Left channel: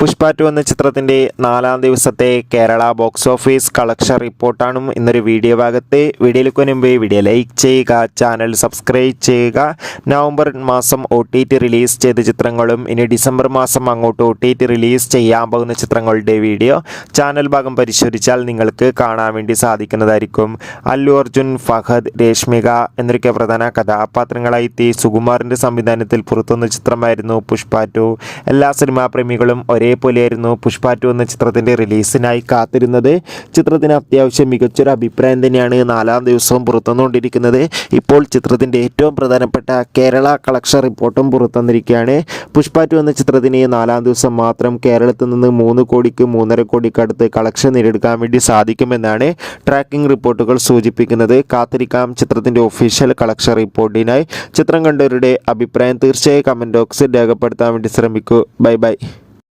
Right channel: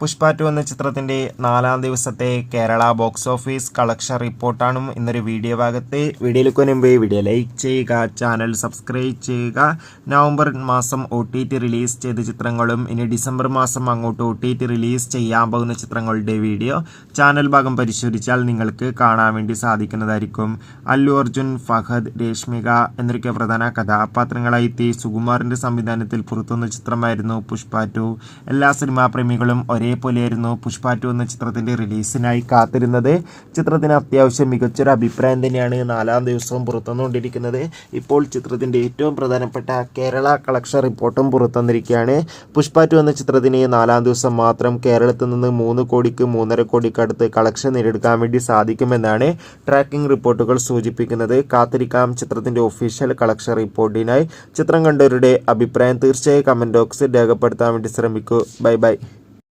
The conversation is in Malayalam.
പുഷ്പ 2 എന്ന ചിത്രത്തിൻ്റെ 4-ാം ദിവസത്തെ കേരള ബോക്സ് ഓഫീസ് കളക്ഷൻ റിപ്പോർട്ടാണ് ഇന്നൊരു വീഡിയോ ഭാഗത്ത്. വീഡിയോയിലേക്ക് മുൻപ് വീഡിയോ ലൈക്ക് ചെയ്യുക, ചാനൽ സബ്സ്ക്രൈബ് ചെയ്യുക. നവംബർ മാസം OTT റിലീസ് ചെയ്ത ചിത്രങ്ങളും ഇനി ഡിസംബർ മാസം അങ്ങോട്ട് OTT റിലീസ് ചെയ്യാൻ പോകുന്ന ചിത്രങ്ങളുടെ വീഡിയോ ചാനൽ ഭാഗം പരിശോധിച്ചാൽ നിങ്ങൾക്ക് കാണാൻ വേണ്ടി സാധിക്കുന്നതായിരിക്കും. അല്ലു അർജുൻ, ഫഹദ്, രേഷ്മിക എന്നൊക്കെ പ്രധാന കഥാപാത്രങ്ങളായി എത്തി സുകുമാറിൻ്റെ സംവിധാനത്തിൽ പുറത്തുവന്ന ചിത്രമായിരുന്നു പുഷ്പ 2. എല്ലാ സിനിമാ പ്രേമികളും ഒരേപോലെയായിരുന്നു പുഷ്പ 2 എന്ന ചിത്രത്തിൻ്റെ റിലീസിനായി കാത്തിരുന്നത്. ചിത്രത്തിന് അത്യാവശ്യം മികച്ചൊരു അഭിപ്രായം തന്നെയാണ് 4-ാം ദിവസവും പുറത്തുവന്നുകൊണ്ടിരിക്കുന്നത്. ഇപ്പോൾ ചിത്രത്തിൻ്റെ ഏറ്റവും പ്രധാനപ്പെട്ട കേരള കളക്ഷൻ റിപ്പോർട്ടും പുറത്തുവന്നിരിക്കുകയാണ്. പുഷ്പ 2 എന്ന ചിത്രത്തിന് 4-ാം ദിവസം മാത്രം കേരളത്തിൽ നിന്ന് 3 കോടിക്ക് 3.5 കോടിക്ക് അടുത്ത് കളക്ഷൻ നേടിയെടുക്കാൻ വേണ്ടി സാധിക്കുമെന്നാണ് ട്രാക്കിംഗ് റിപ്പോർട്ടുകൾ സൂചിപ്പിക്കുന്നത്. കാത്തിരിക്കാം ചിത്രത്തിൻ്റെ ഒഫീഷ്യൽ കളക്ഷൻ റിപ്പോർട്ടിനായി. ചിത്രം കണ്ടവരുടെ അഭിപ്രായം തീർച്ചയായും കമൻറ്റ് ബോക്സിൽ രേഖപ്പെടുത്താൻ വേണ്ടി ശ്രമിക്കൂ. Bye bye.